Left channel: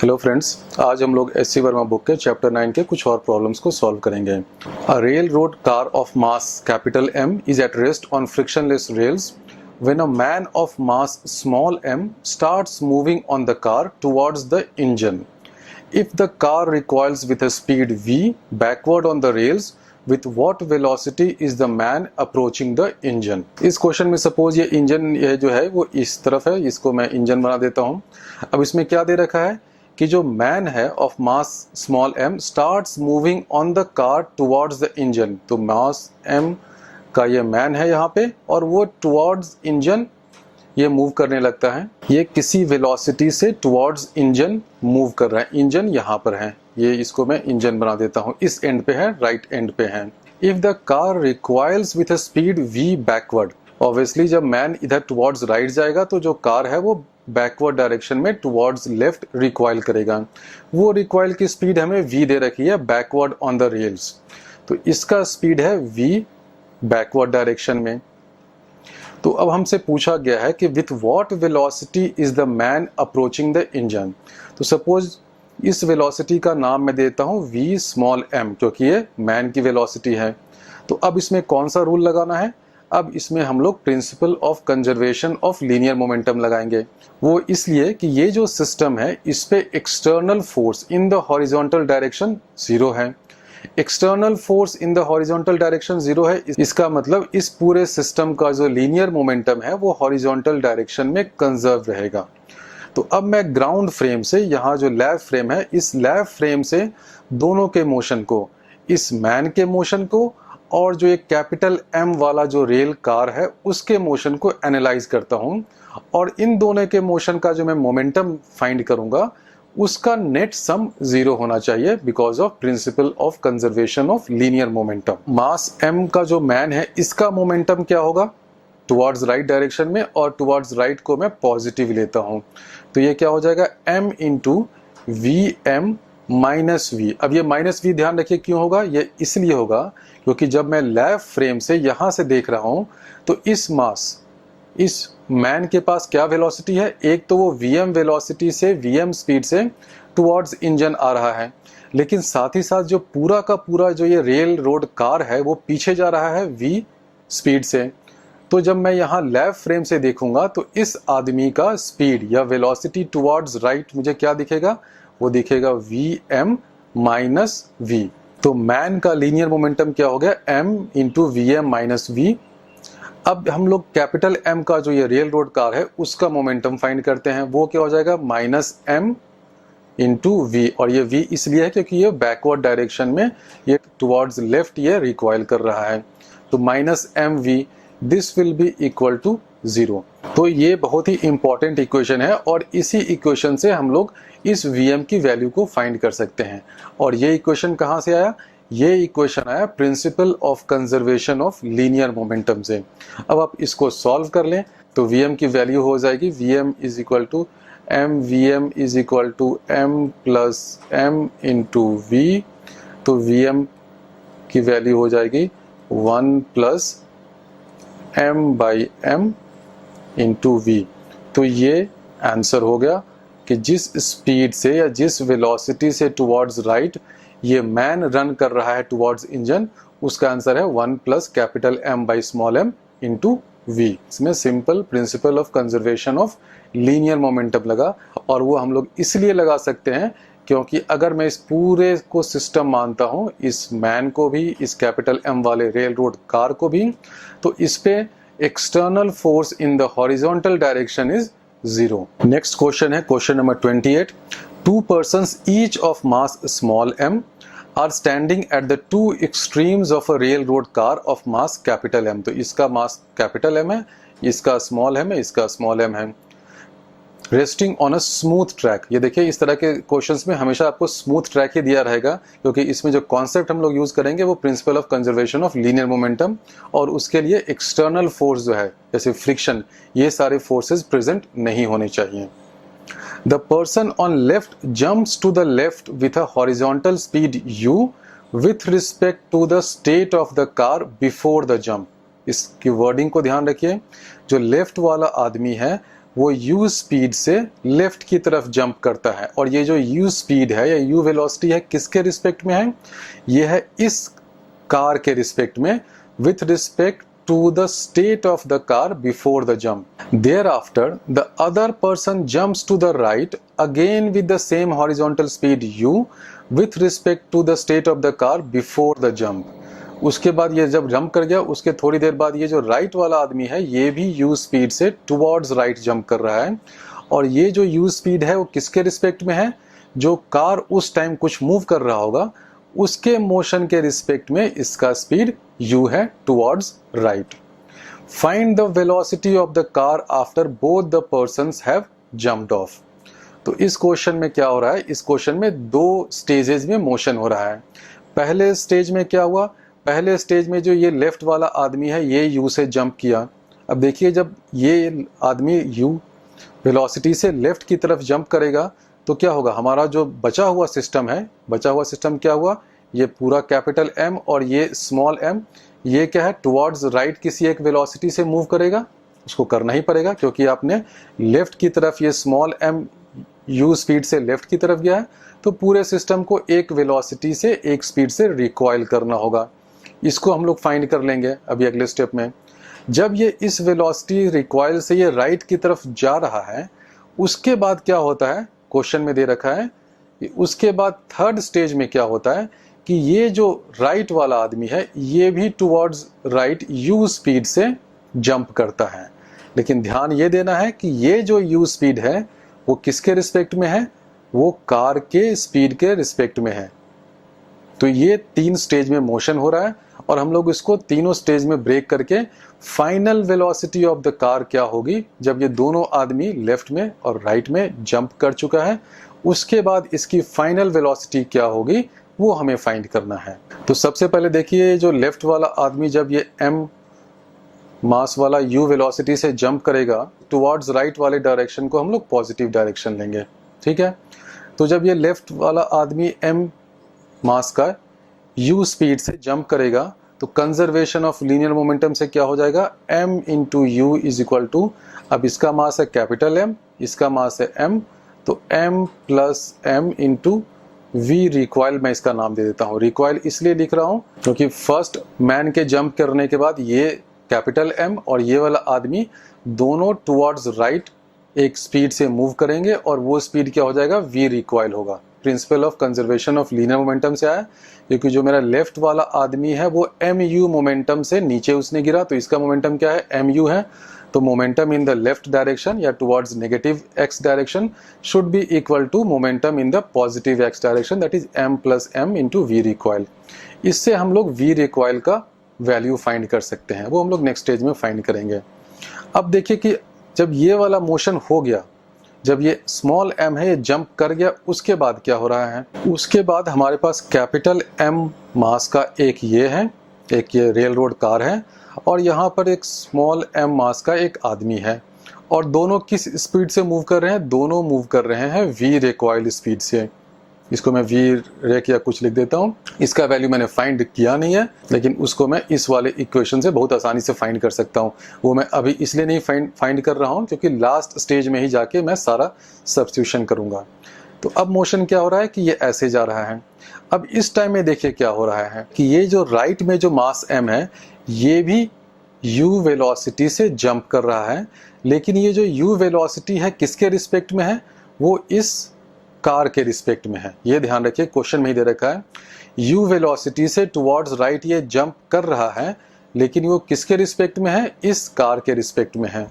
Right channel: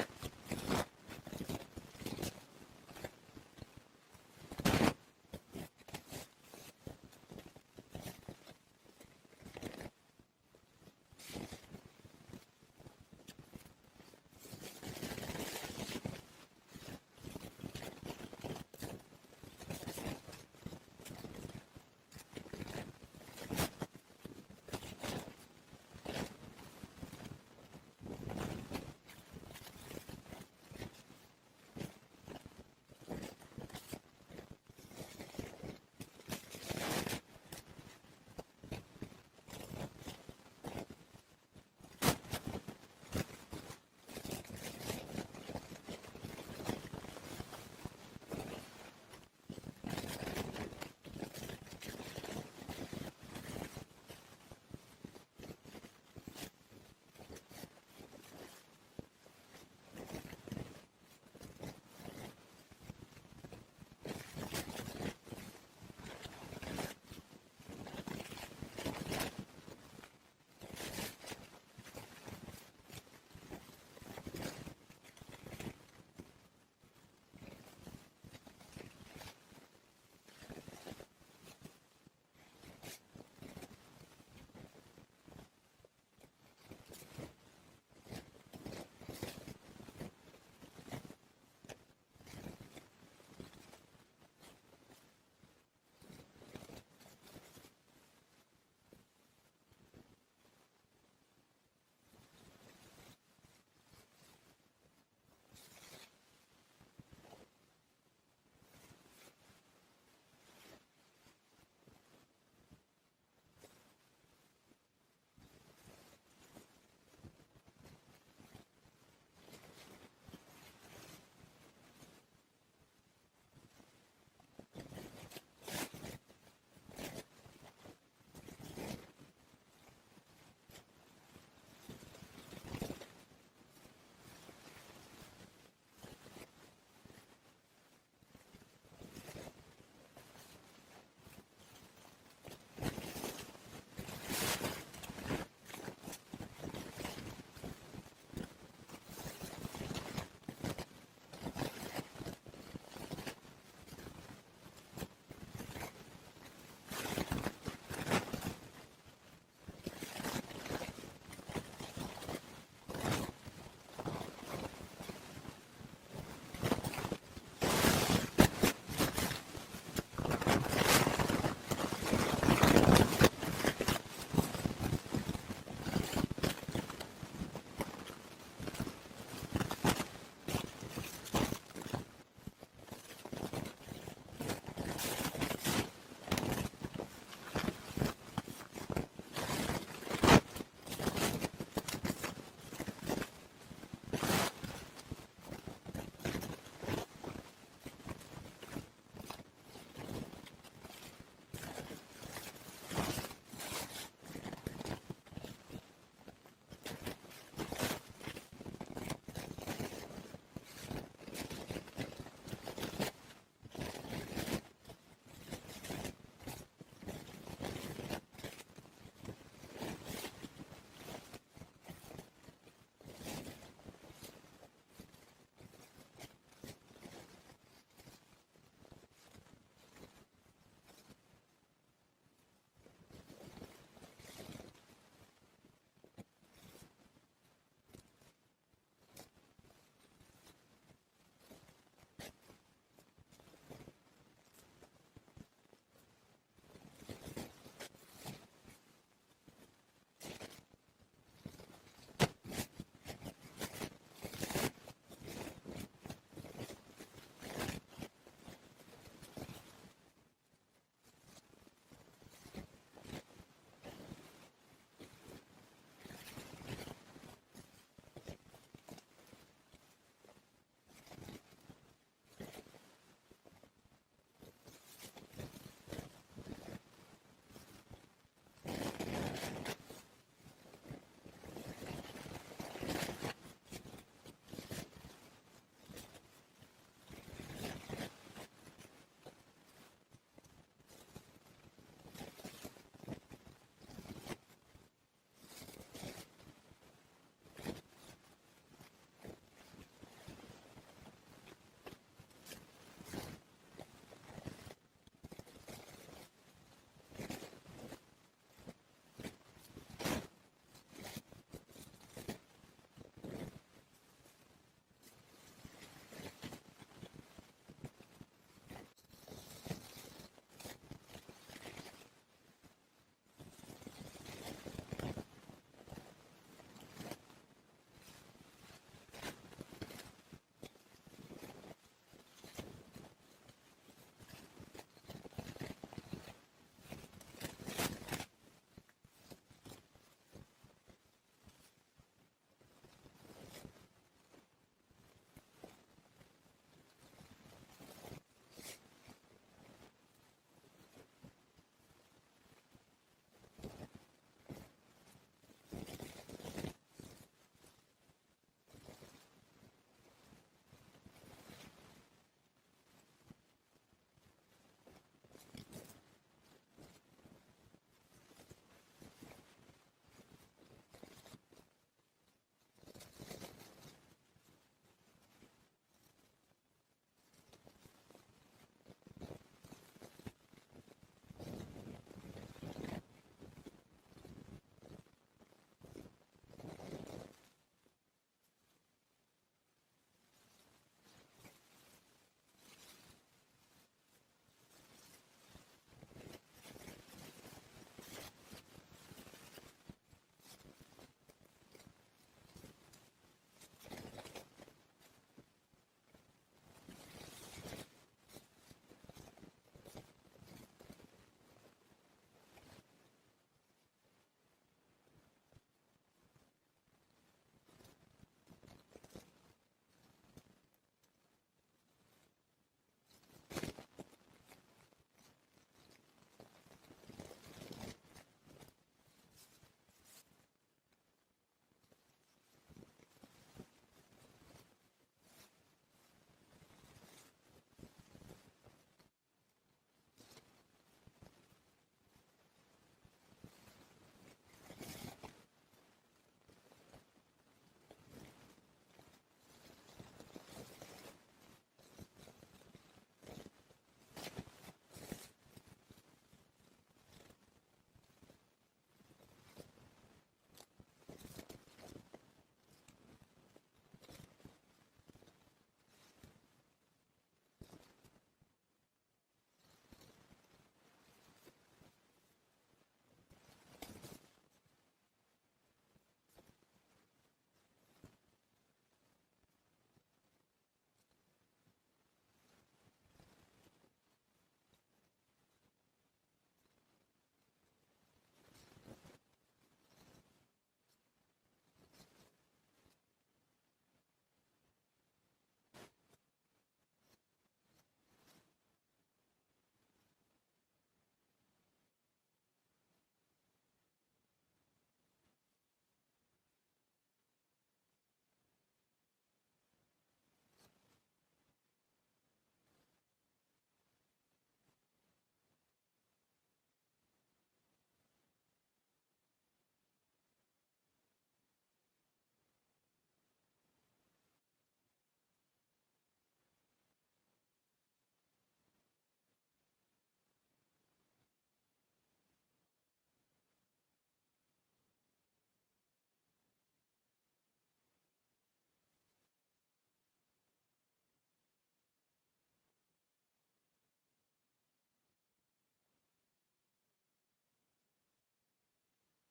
Hello friends, आज हम लोग एस सी वर्मा बुक के चैप्टर 9 के कुछ और प्रॉब्लम्स को सॉल्व करेंगे। A railroad car of mass capital M is at rest on frictionless rails when a man of mass small m starts moving on the car towards the engine. If the car recoils with a speed v backward on the rails, with what velocity is the man approaching the engine? इस question में suppose ये engine ये जो है वो इस तरफ है, इसको मैं इंजन बना देता हूँ। अब इसमें क्या दे रखा है कि जो मैन है of mass small m starts moving on the car towards the engine. तो मास m का ये मैन है यहाँ पे और वो टुवर्ड्स इंजन ये मूव करने लगता है। ये किसी वेलोसिटी से टुवर्ड्स इंजन मूव कर रहा है। इंजन यहाँ पर है, ये इसको मैं इंजन बना देता हूँ। इस एंड पे है, राइट एंड पे है। If the car requires with a speed v backward, obviously जब मैन इधर टुवर्ड्स राइट जाएगा तो जो कार है वो बैकवर्ड डायरेक्शन में टुवर्ड्स लेफ्ट रिक्वाइल करेगा। वो रिक्वाइल की स्पीड हमें v दे रखी है बैकवर्ड ऑन द रेल्स, तो इसका स्पीड है v बैकवर्ड डायरेक्शन में। तो अब हमसे पूछा गया है कि with what velocity is the man approaching the engine. तो सपोज इस वेलोसिटी का नाम मैं देता हूँ v स्मॉल m, क्योंकि ये मैन की वेलोसिटी है। तो अब इसमें कौन सा रूल लगाना है? अब इसमें हम लोग principle of conservation of linear momentum लगाएंगे। वो इसलिए कि ये जो सिस्टम है इस पे external force in the horizontal direction zero है। External force in the horizontal direction zero है, इसका मतलब इस पूरे सिस्टम का जो लीनियर मोमेंटम है वो हॉरिजॉन्टल डायरेक्शन में कंजर्व रहेगा। तो अब मैं ग्राउंड फ्रेम से, यहाँ जो लैब फ्रेम है, इस लैब फ्रेम से दोनों के मोशन को, इस मैन के मोशन को और जो एक कैपिटल M वाला जो रेल कार है उसके मोशन को एनालाइज करता हूँ, और इन दोनों के मोशन का जो मैं मोमेंटम फाइंड करूंगा उसका नेट सम जीरो होना चाहिए because of principle of conservation of linear momentum. Mass m का जो मैन है इसका मोमेंटम क्या होगा? टुवर्ड्स राइट डायरेक्शन में, और टुवर्ड्स राइट को मैं पॉजिटिव लेता हूं, तो ये क्या हो जाएगा m into v m minus v. अब ये माइनस वी ध्यान रखिए क्यों होगा, ये इसलिए होगा क्योंकि जब मैं लेफ्ट फ्रेम से यहां से देख रहा हूं तो इस मास, इस मैन के पास क्या वेलोसिटी है? एक तो वो vm वेलोसिटी से, vm स्पीड से टुवर्ड्स इंजन आ रहा है, लेकिन साथ ही साथ जो पूरा का पूरा जो ये रेल रोड कार है वो पीछे जा रहा है v स्पीड से। तो जब मैं यहाँ लेफ्ट फ्रेम से देखूंगा तो इस आदमी का स्पीड या वेलोसिटी टुवर्ड्स राइट मुझे क्या दिखेगा? वो दिखेगा vm माइनस v। तो मैन का लीनियर मोमेंटम क्या हो गया? m into vm minus v। अब हम लोग कैपिटल M का जो ये रेल रोड कार है उसका मोमेंटम फाइंड करते हैं। वो क्या हो जाएगा? माइनस m इंटू वी, और ये v इसलिए है क्योंकि ये बैकवर्ड डायरेक्शन में, ये टुवर्ड्स लेफ्ट ये रिक्वाइल कर रहा है। तो minus mv, this will be equal to zero. तो ये बहुत ही इंपॉर्टेंट इक्वेशन है और इसी इक्वेशन से हम लोग इस vm की वैल्यू को फाइंड कर सकते हैं। और ये इक्वेशन कहाँ से आया? ये इक्वेशन आया principle of conservation of linear momentum से। अब आप इसको सॉल्व कर लें तो vm की वैल्यू हो जाएगी vm is equal to m, vm is equal to m plus m into v। तो vm की वैल्यू हो जाएगी 1 plus m by m into v। तो ये आंसर हो गया कि जिस स्पीड से या जिस वेलोसिटी से टुवर्ड्स राइट ये मैन रन कर रहा है टुवर्ड्स इंजन, उसका आंसर है 1 plus capital M by small m into v। इसमें simple principle of conservation of linear momentum लगा, और वो हम लोग इसलिए लगा सकते हैं क्योंकि अगर मैं इस पूरे को सिस्टम मानता हूँ, इस मैन को भी, इस कैपिटल M वाले रेल रोड कार को भी, तो इस पे external force in the horizontal direction is zero. Next question है question number 28। Two persons each of mass small m are standing at the two extremes of a railroad car of mass capital M। तो इसका मास capital M है, इसका small m है, इसका small m है। Resting on a smooth track. ये देखिए इस तरह के क्वेश्चंस में हमेशा आपको स्मूथ ट्रैक ही दिया रहेगा, क्योंकि इसमें जो कॉन्सेप्ट हम लोग यूज करेंगे वो principle of conservation of linear momentum, और उसके लिए एक्सटर्नल फोर्स जो है जैसे फ्रिक्शन, ये सारे फोर्सेस प्रेजेंट नहीं होने चाहिए। The person on left jumps to the left with a horizontal speed u with respect to the state of the car before the jump। इसकी वर्डिंग को ध्यान रखिए। जो लेफ्ट वाला आदमी है वो u स्पीड से लेफ्ट की तरफ जंप करता है। और ये जो u स्पीड है या u वेलोसिटी है किसके रिस्पेक्ट में है? ये है इस कार के रिस्पेक्ट में, with respect to the state of the car before the jump. Thereafter, the other person jumps to the right again with the same horizontal speed u with respect to the state of the car before the jump. उसके बाद ये जब jump कर गया, उसके थोड़ी देर बाद ये जो राइट वाला आदमी है ये भी u स्पीड से टुवर्ड्स राइट जंप कर रहा है। और ये जो u स्पीड है वो किसके रिस्पेक्ट में है? जो कार उस टाइम कुछ मूव कर रहा होगा उसके मोशन के रिस्पेक्ट में इसका स्पीड u है towards right. Find the velocity of the car after both the persons have jumped of. तो इस क्वेश्चन में क्या हो रहा है? इस क्वेश्चन में दो स्टेजेस में मोशन हो रहा है। पहले स्टेज में क्या हुआ? पहले स्टेज में जो ये लेफ्ट वाला आदमी है ये u से जंप किया। अब देखिए जब ये आदमी u वेलोसिटी से लेफ्ट की तरफ जंप करेगा तो क्या होगा? हमारा जो बचा हुआ सिस्टम है, बचा हुआ सिस्टम क्या हुआ? ये पूरा कैपिटल M और ये स्मॉल m, ये क्या है? टुवर्ड्स राइट किसी एक वेलोसिटी से मूव करेगा। उसको करना ही पड़ेगा क्योंकि आपने लेफ्ट की तरफ ये स्मॉल m u स्पीड से लेफ्ट की तरफ गया है, तो पूरे सिस्टम को एक वेलोसिटी से एक स्पीड से रिकॉइल करना होगा। इसको हम लोग फाइंड कर लेंगे अभी अगले स्टेप में। जब ये इस वेलोसिटी रिकॉइल से ये राइट की तरफ जा रहा है, उसके बाद क्या होता है? क्वेश्चन में दे रखा है कि उसके बाद थर्ड स्टेज में क्या होता है कि ये जो राइट वाला आदमी है ये भी टुवर्ड्स राइट u स्पीड से जंप करता है। लेकिन ध्यान ये देना है कि ये जो u स्पीड है वो किसके रिस्पेक्ट में है? वो कार के स्पीड के रिस्पेक्ट में है। तो ये तीन स्टेज में मोशन हो रहा है और हम लोग इसको तीनों स्टेज में ब्रेक करके final velocity of the car क्या होगी जब ये दोनों आदमी लेफ्ट में और राइट में जंप कर चुका है, उसके बाद इसकी फाइनल वेलोसिटी क्या होगी वो हमें फाइंड करना है। तो सबसे पहले देखिए जो लेफ्ट वाला आदमी जब ये m मास वाला u वेलोसिटी से जंप करेगा टुवर्ड्स राइट वाले डायरेक्शन को हम लोग पॉजिटिव डायरेक्शन लेंगे, ठीक है। तो जब ये लेफ्ट वाला आदमी m मास का u स्पीड से जंप करेगा तो कंजर्वेशन ऑफ लीनियर मोमेंटम से क्या हो जाएगा? m into u is equal to, अब इसका मास है कैपिटल M, इसका मास है m, तो m plus m into we recoil, मैं इसका नाम दे देता हूँ। रिकॉइल इसलिए लिख रहा हूँ क्योंकि फर्स्ट मैन के जंप करने के बाद ये कैपिटल M और ये वाला आदमी दोनों टुवर्ड्स राइट एक स्पीड से मूव करेंगे और वो स्पीड क्या हो जाएगा? वी रिकॉइल होगा। Principle of conservation of linear momentum से आया, क्योंकि जो मेरा लेफ्ट वाला आदमी है वो mu मोमेंटम से नीचे उसने गिरा, तो इसका मोमेंटम क्या है? mu है। तो momentum in the left direction या towards negative x direction should be equal to momentum in the positive x direction, that is m plus m into we recoil. इससे हम लोग वी रिकॉइल का value find कर सकते हैं, वो हम लोग नेक्स्ट स्टेज में फाइंड करेंगे। अब देखिए कि जब ये वाला मोशन हो गया, जब ये स्मॉल m है ये जंप कर गया, उसके बाद क्या हो रहा है? उसके बाद हमारे पास कैपिटल M मास का एक ये है, एक ये रेल रोड कार है और यहाँ पर एक स्मॉल m मास का एक आदमी है और दोनों किस स्पीड से मूव कर रहे हैं? दोनों मूव कर रहे हैं वी रिकॉइल स्पीड से। इसको मैं वी रेक या कुछ लिख देता हूँ। इसका वैल्यू मैंने फाइंड किया नहीं है, लेकिन उसको मैं इस वाले इक्वेशन से बहुत आसानी से फाइंड कर सकता हूँ। वो मैं अभी इसलिए नहीं फाइंड कर रहा हूँ क्योंकि लास्ट स्टेज में ही जाके मैं सारा सब्स्टिट्यूशन करूँगा। तो अब मोशन क्या हो रहा है कि ये ऐसे जा रहा है। अब इस टाइम में देखिए क्या हो रहा है कि ये जो राइट में जो मास m है ये भी u वेलोसिटी से जंप कर रहा है, लेकिन ये जो u वेलोसिटी है किसके रिस्पेक्ट में है? वो इस कार के रिस्पेक्ट में है। ये ध्यान रखिए, क्वेश्चन में ही दे रखा है u वेलोसिटी से टुवर्ड्स राइट ये जंप कर रहा है, लेकिन वो किसके रिस्पेक्ट में है? इस कार के रिस्पेक्ट में है।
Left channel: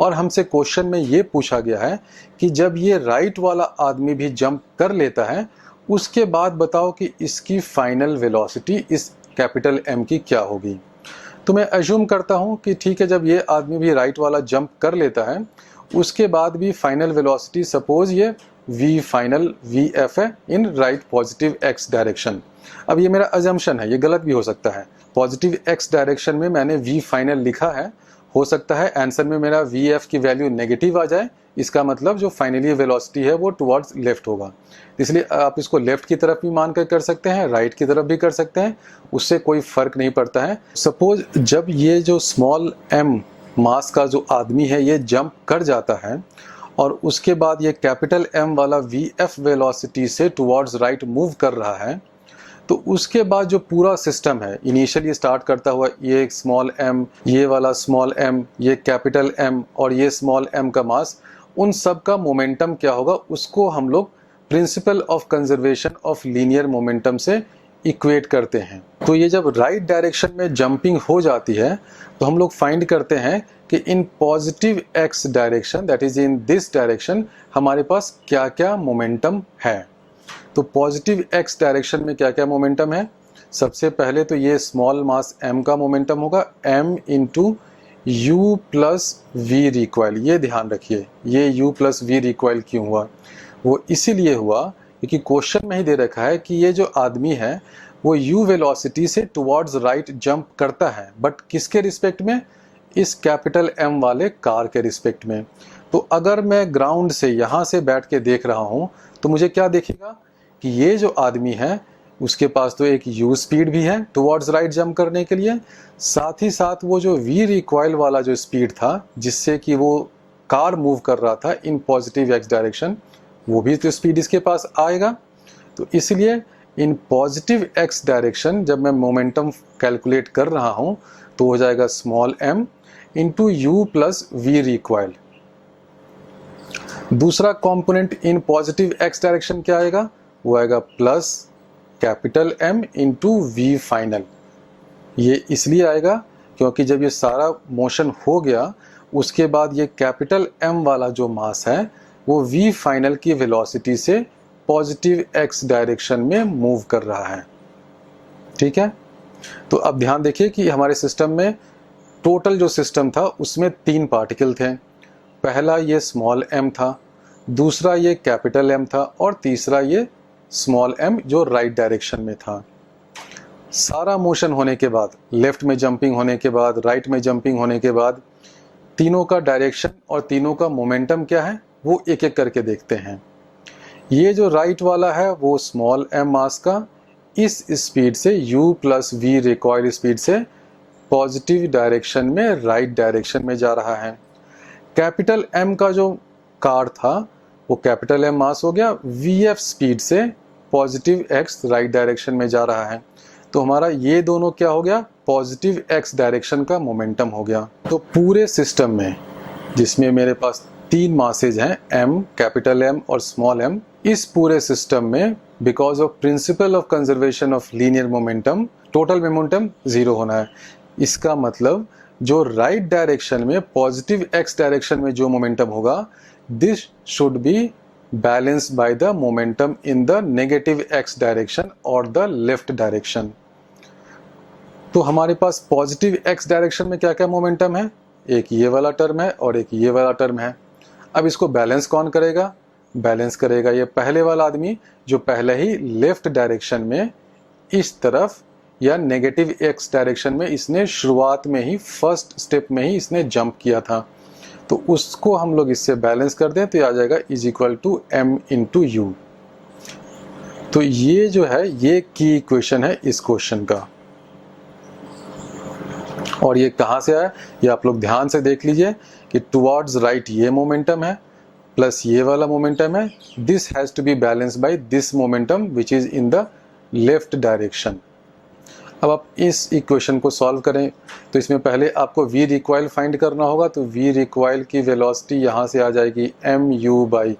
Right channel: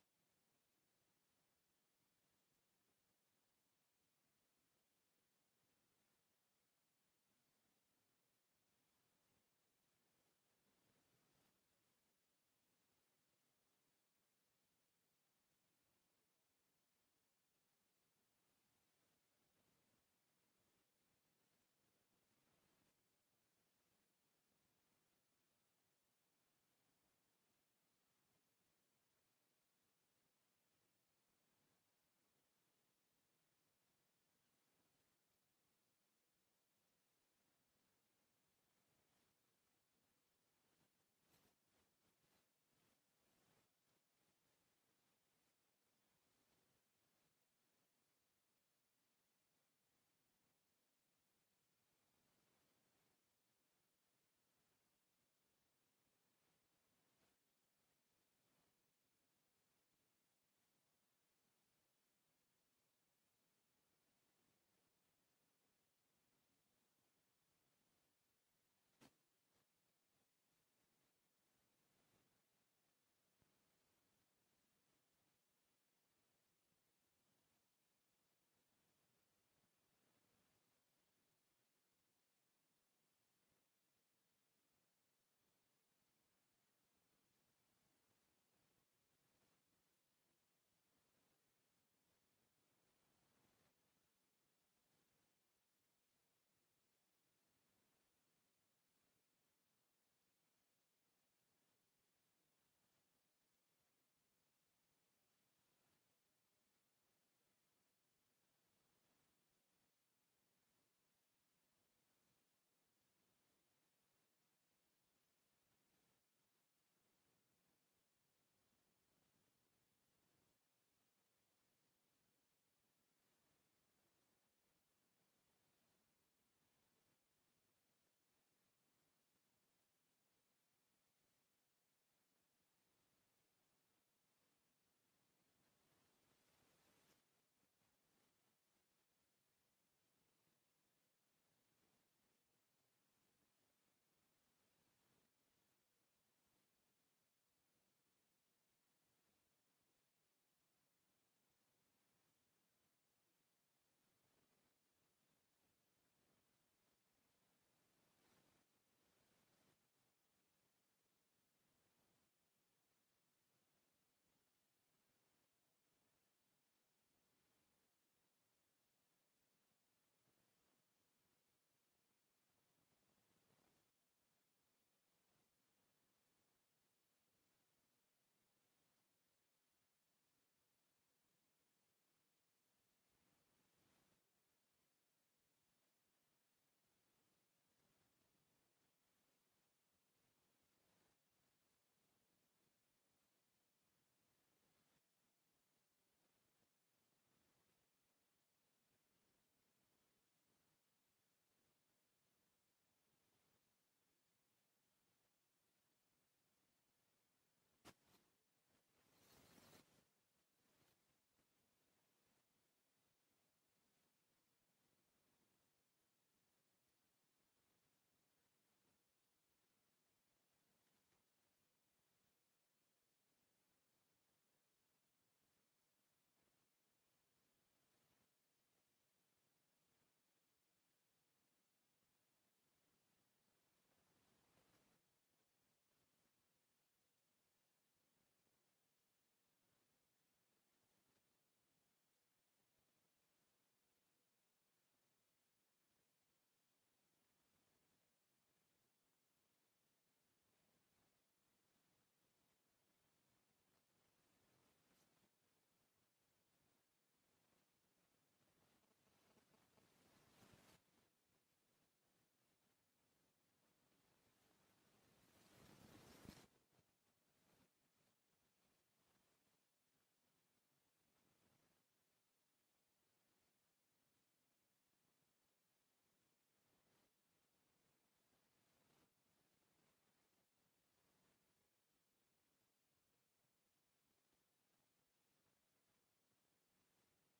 और हमसे क्वेश्चन में ये पूछा गया है कि जब ये राइट वाला आदमी भी जंप कर लेता है उसके बाद बताओ कि इसकी फाइनल वेलोसिटी इस कैपिटल M की क्या होगी। तो मैं अज्यूम करता हूँ कि ठीक है, जब ये आदमी भी राइट वाला जंप कर लेता है उसके बाद भी फाइनल वेलोसिटी सपोज ये v फाइनल vf है in right positive x direction. अब ये मेरा अजम्पशन है, ये गलत भी हो सकता है। पॉजिटिव x डायरेक्शन में मैंने v फाइनल लिखा है, हो सकता है आंसर में मेरा vf की वैल्यू नेगेटिव आ जाए, इसका मतलब जो फाइनली वेलोसिटी है वो टुवर्ड्स लेफ्ट होगा। इसलिए आप इसको लेफ्ट की तरफ भी मान कर सकते हैं, राइट की तरफ भी कर सकते हैं, उससे कोई फर्क नहीं पड़ता है। सपोज जब ये जो स्मॉल m मास का जो आदमी है ये जंप कर जाता है और उसके बाद ये कैपिटल M वाला VF वेलोसिटी से टुवर्ड्स राइट मूव कर रहा है, तो उसके बाद जो पूरा सिस्टम है इनिशियली स्टार्ट करता हुआ ये एक स्मॉल m, ये वाला स्मॉल m, ये कैपिटल M और ये स्मॉल m का मास, उन सब का मोमेंटम क्या होगा उसको हम लोग principle of conservation of linear momentum से इक्वेट करते हैं। तो ये जब राइट डायरेक्शन में जंपिंग हो जाती है तो हम लोग फाइंड करते हैं कि इन positive x direction, that is in this direction, हमारे पास क्या क्या मोमेंटम है। तो पॉजिटिव x डायरेक्शन में क्या क्या मोमेंटम है, सबसे पहले तो ये स्मॉल मास m का मोमेंटम होगा m into you plus we recoil. ये ध्यान रखिए, ये यू प्लस वी रिकॉइल क्यों हुआ, वो इसीलिए हुआ क्योंकि क्वेश्चन में ही दे रखा है कि ये जो आदमी है वो u वेलोसिटी से टुवर्ड्स राइट जंप करता है, बट किसके रिस्पेक्ट में, इस कैपिटल M वाले कार के रिस्पेक्ट में। तो अगर मैं ग्राउंड से यहाँ से बैठ के देख रहा हूँ तो मुझे क्या दिखेगा कि ये जो आदमी है उसके पास तो एक u स्पीड भी है टुवर्ड्स राइट जंप करने के लिए, साथ ही साथ वो जो v रिकॉइल वाला जो स्पीड था जिससे कि वो कार मूव कर रहा था इन पॉजिटिव x डायरेक्शन, वो भी तो स्पीड इसके पास आएगा। तो इसलिए इन पॉजिटिव x डायरेक्शन जब मैं मोमेंटम कैलकुलेट कर रहा हूँ तो हो जाएगा small m into you plus we recoil. दूसरा component in positive x direction क्या आएगा, वो आएगा plus capital M into V final. ये इसलिए आएगा क्योंकि जब ये सारा मोशन हो गया उसके बाद ये कैपिटल M वाला जो मास है वो v फाइनल की वेलोसिटी से पॉजिटिव x डायरेक्शन में मूव कर रहा है। ठीक है, तो अब ध्यान देखिए कि हमारे सिस्टम में टोटल जो सिस्टम था उसमें 3 पार्टिकल थे। पहला ये स्मॉल m था, दूसरा ये कैपिटल M था और तीसरा ये स्मॉल m जो राइट डायरेक्शन में था। सारा मोशन होने के बाद, लेफ्ट में जंपिंग होने के बाद, राइट में जंपिंग होने के बाद, तीनों का डायरेक्शन और तीनों का मोमेंटम क्या है वो एक एक करके देखते हैं। ये जो राइट वाला है वो स्मॉल m मास का इस स्पीड से u plus we recoil speed से पॉजिटिव डायरेक्शन में राइट डायरेक्शन में जा रहा है। कैपिटल M का जो कार था वो कैपिटल M मास हो गया vf स्पीड से पॉजिटिव x राइट डायरेक्शन में जा रहा है। तो हमारा ये दोनों क्या हो गया, पॉजिटिव x डायरेक्शन का मोमेंटम हो गया। तो पूरे सिस्टम में जिसमें मेरे पास 3 मासेज हैं m, कैपिटल M और स्मॉल m, इस पूरे सिस्टम में because of principle of conservation of linear momentum total momentum 0 होना है। इसका मतलब जो राइट डायरेक्शन में पॉजिटिव x डायरेक्शन में जो मोमेंटम होगा this should be balanced by the momentum in the negative x direction और द लेफ्ट डायरेक्शन। तो हमारे पास पॉजिटिव x डायरेक्शन में क्या क्या मोमेंटम है, एक ये वाला टर्म है और एक ये वाला टर्म है। अब इसको बैलेंस कौन करेगा, बैलेंस करेगा ये पहले वाला आदमी जो पहले ही लेफ्ट डायरेक्शन में इस तरफ या नेगेटिव x डायरेक्शन में इसने शुरुआत में ही फर्स्ट स्टेप में ही इसने जंप किया था। तो उसको हम लोग इससे बैलेंस कर दें तो ये आ जाएगा is equal to m into u. तो ये जो है ये की इक्वेशन है इस क्वेश्चन का। और ये कहाँ से आया, ये आप लोग ध्यान से देख लीजिए कि टुवर्ड्स राइट ये मोमेंटम है प्लस ये वाला मोमेंटम है, this has to be balanced by this momentum which is in the left direction. अब आप इस इक्वेशन को सॉल्व करें तो इसमें पहले आपको v रिकॉइल फाइंड करना होगा। तो v रिकॉइल की वेलोसिटी यहाँ से आ जाएगी m u by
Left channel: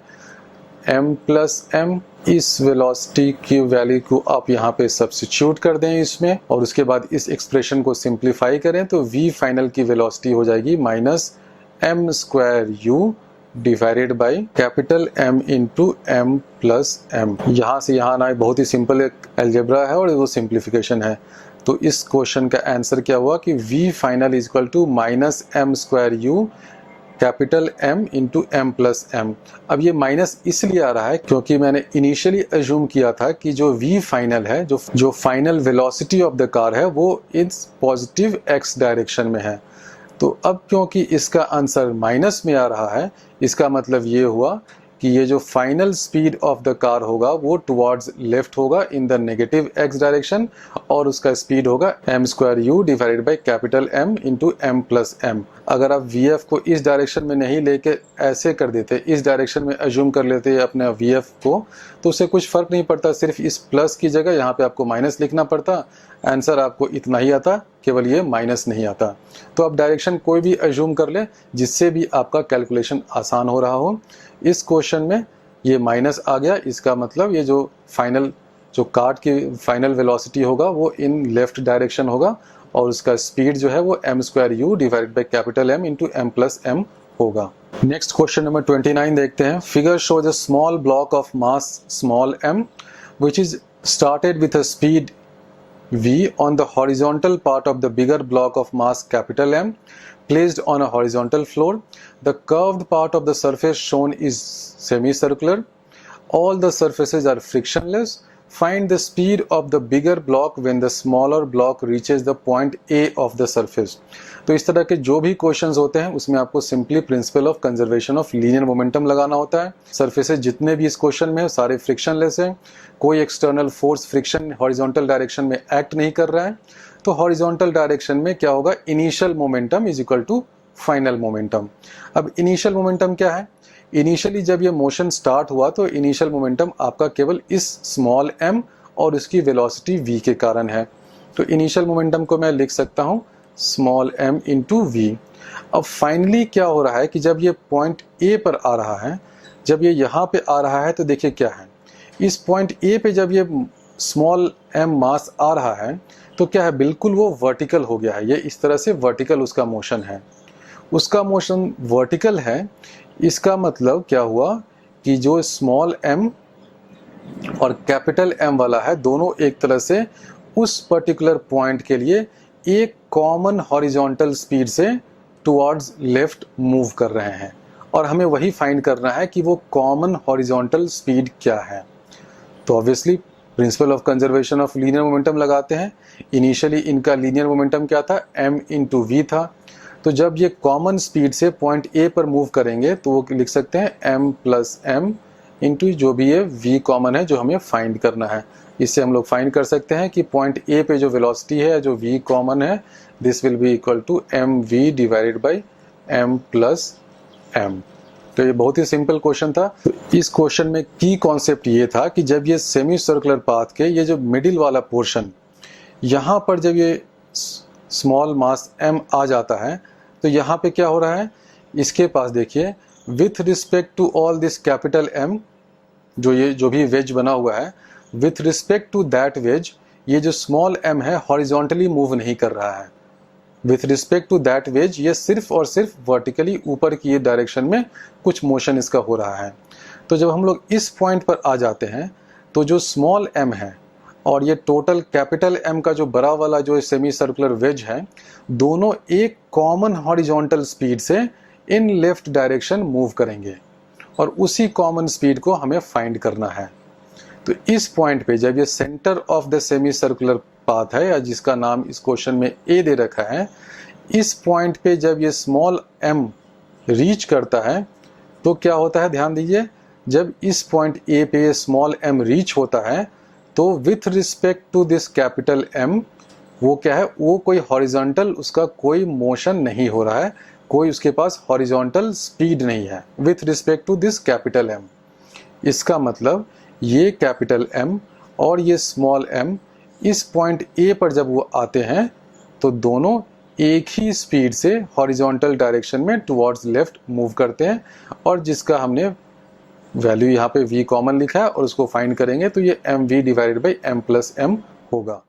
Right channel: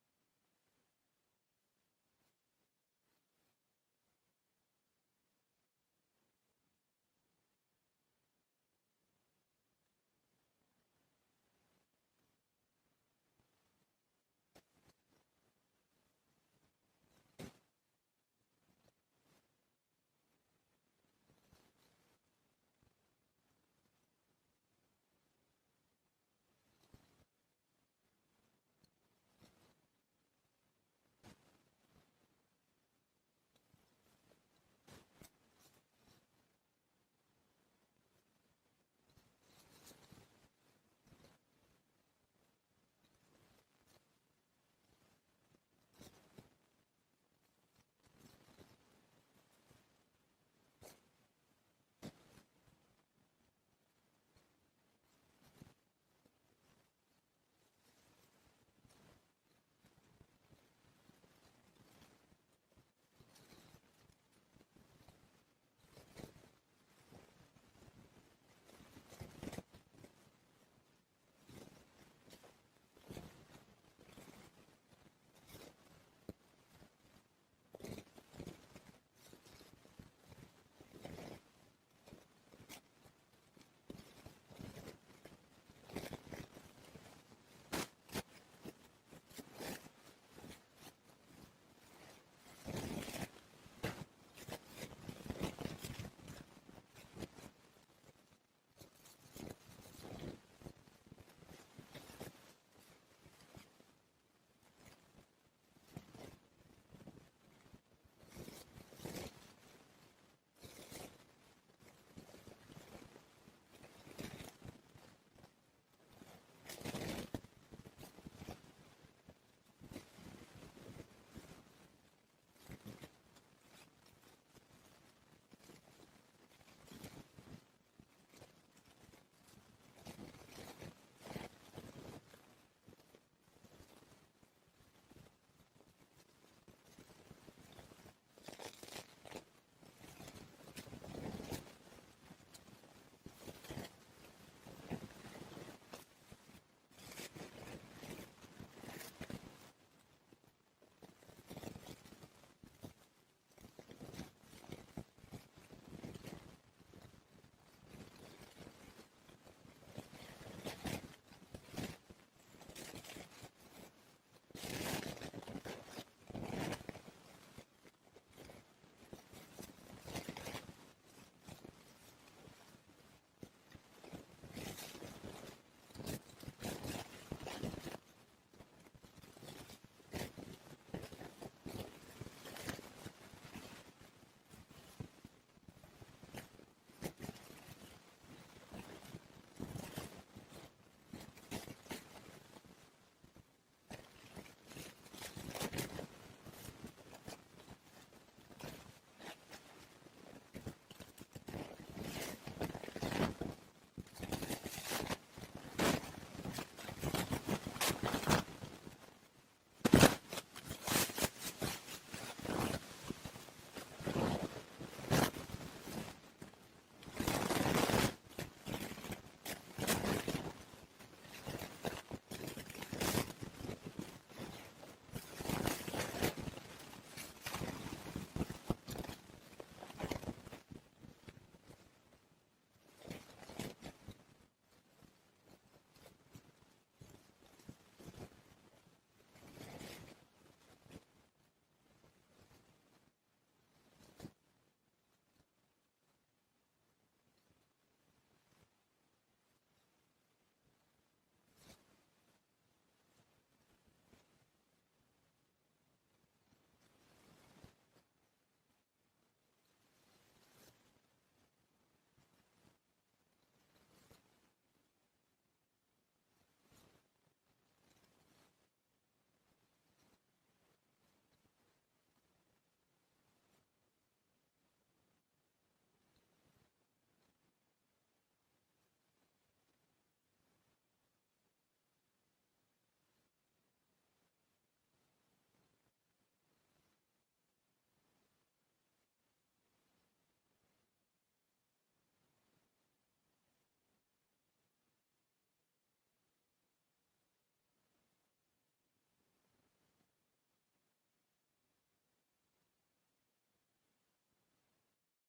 m plus m। इस वेलोसिटी की वैल्यू को आप यहाँ पे सब्स्टिट्यूट कर दें इसमें और उसके बाद इस एक्सप्रेशन को सिंप्लीफाई करें तो v फाइनल की वेलोसिटी हो जाएगी minus m square u divided by capital M into m plus m। यहाँ से यहाँ आना बहुत ही सिंपल एक अलजेब्रा है और वो सिंप्लीफिकेशन है। तो इस क्वेश्चन का आंसर क्या हुआ कि v final is equal to minus m square u capital M into m plus m। अब ये माइनस इसलिए आ रहा है क्योंकि मैंने इनिशियली अज्यूम किया था कि जो v फाइनल है, जो final velocity of the car है वो इस पॉजिटिव x डायरेक्शन में है। तो अब क्योंकि इसका आंसर माइनस में आ रहा है इसका मतलब ये हुआ कि ये जो final speed of the car होगा वो टुवर्ड्स लेफ्ट होगा in the negative x direction, और उसका स्पीड होगा m² divided by capital M into m+m। अगर आप vf को इस डायरेक्शन में नहीं लेके ऐसे कर देते, इस डायरेक्शन में अज्यूम कर लेते अपने vf को, तो उससे कुछ फर्क नहीं पड़ता, सिर्फ इस प्लस की जगह यहाँ पे आपको माइनस लिखना पड़ता, आंसर आपको इतना ही आता, केवल ये माइनस नहीं आता। तो आप डायरेक्शन कोई भी अज्यूम कर ले जिससे भी आपका कैलकुलेशन आसान हो रहा हो। इस क्वेश्चन में ये माइनस आ गया, इसका मतलब ये जो फाइनल जो कार्ट की फाइनल वेलोसिटी होगा वो इन लेफ्ट डायरेक्शन होगा, और उसका स्पीड जो है वो m² divided by capital M into m+m होगा। नेक्स्ट क्वेश्चन नंबर 29 देखते हैं। Figure shows a small block of mass small m which is started with a speed v on the horizontal part of the bigger block of mass capital M placed on a horizontal floor. The curved part of the surface shown is semicircular. All the surfaces are frictionless. Find the speed of the bigger block when the smaller block reaches the point A of the surface. तो इस तरह के जो भी questions होते हैं उसमें आपको simply principle of conservation of linear momentum लगाना होता है। सरफेसेस जितने भी इस क्वेश्चन में सारे फ्रिक्शनलेस हैं, कोई external force friction horizontal direction में एक्ट नहीं कर रहा है, तो हॉरिजॉन्टल डायरेक्शन में क्या होगा, initial momentum is equal to final momentum. अब इनिशियल मोमेंटम क्या है, इनिशियली जब ये मोशन स्टार्ट हुआ तो इनिशियल मोमेंटम आपका केवल इस स्मॉल m और उसकी वेलोसिटी v के कारण है। तो इनिशियल मोमेंटम को मैं लिख सकता हूँ स्मॉल m इंटू वी। अब फाइनली क्या हो रहा है कि जब ये पॉइंट A पर आ रहा है, जब ये यहाँ पे आ रहा है, तो देखिए क्या है, इस पॉइंट A पे जब ये स्मॉल m मास आ रहा है तो क्या है, बिल्कुल वो वर्टिकल हो गया है। ये इस तरह से वर्टिकल उसका मोशन है, उसका मोशन वर्टिकल है। इसका मतलब क्या हुआ कि जो स्मॉल m और कैपिटल M वाला है, दोनों एक तरह से उस पर्टिकुलर पॉइंट के लिए एक कॉमन हॉरिजॉन्टल स्पीड से टुवर्ड्स लेफ्ट मूव कर रहे हैं, और हमें वही फाइंड करना है कि वो कॉमन हॉरिजॉन्टल स्पीड क्या है। तो obviously principle of conservation of linear momentum लगाते हैं। इनिशियली इनका लीनियर मोमेंटम क्या था, m इंटू वी था। तो जब ये कॉमन स्पीड से पॉइंट A पर मूव करेंगे तो वो लिख सकते हैं m+m इंटू जो भी ये v कॉमन है जो हमें फाइंड करना है। इससे हम लोग फाइंड कर सकते हैं कि पॉइंट A पे जो वेलोसिटी है, जो v कॉमन है, this will be equal to mv divided by m+m। तो ये बहुत ही सिंपल क्वेश्चन था। इस क्वेश्चन में की कॉन्सेप्ट ये था कि जब ये सेमी सर्कुलर पाथ के ये जो मिडिल वाला पोर्शन, यहाँ पर जब ये स्मॉल मास m आ जाता है तो यहाँ पे क्या हो रहा है, इसके पास देखिए with respect to all this capital M, जो भी वेज बना हुआ है, with respect to that wedge ये जो स्मॉल m है हॉरिजॉन्टली मूव नहीं कर रहा है। With respect to that wedge ये सिर्फ और सिर्फ वर्टिकली ऊपर की ये डायरेक्शन में कुछ मोशन इसका हो रहा है। तो जब हम लोग इस पॉइंट पर आ जाते हैं तो जो स्मॉल m है और ये टोटल कैपिटल M का जो बड़ा वाला जो सेमी सर्कुलर वेज है, दोनों एक कॉमन हॉरिजॉन्टल स्पीड से इन लेफ्ट डायरेक्शन मूव करेंगे, और उसी कॉमन स्पीड को हमें फाइंड करना है। तो इस पॉइंट पे जब ये centre of the semi circular path है, या जिसका नाम इस क्वेश्चन में A दे रखा है, इस पॉइंट पे जब ये स्मॉल m रीच करता है तो क्या होता है, ध्यान दीजिए, जब इस पॉइंट A पे स्मॉल m रीच होता है तो with respect to this capital M वो क्या है, वो कोई हॉरिजॉन्टल उसका कोई मोशन नहीं हो रहा है, कोई उसके पास हॉरिजॉन्टल स्पीड नहीं है with respect to this capital M। इसका मतलब ये कैपिटल M और ये स्मॉल m इस पॉइंट A पर जब वो आते हैं तो दोनों एक ही स्पीड से हॉरिजॉन्टल डायरेक्शन में टुवर्ड्स लेफ्ट मूव करते हैं, और जिसका हमने वैल्यू यहाँ पे v कॉमन लिखा है और उसको फाइंड करेंगे तो ये mv डिवाइडेड बाई m+m होगा।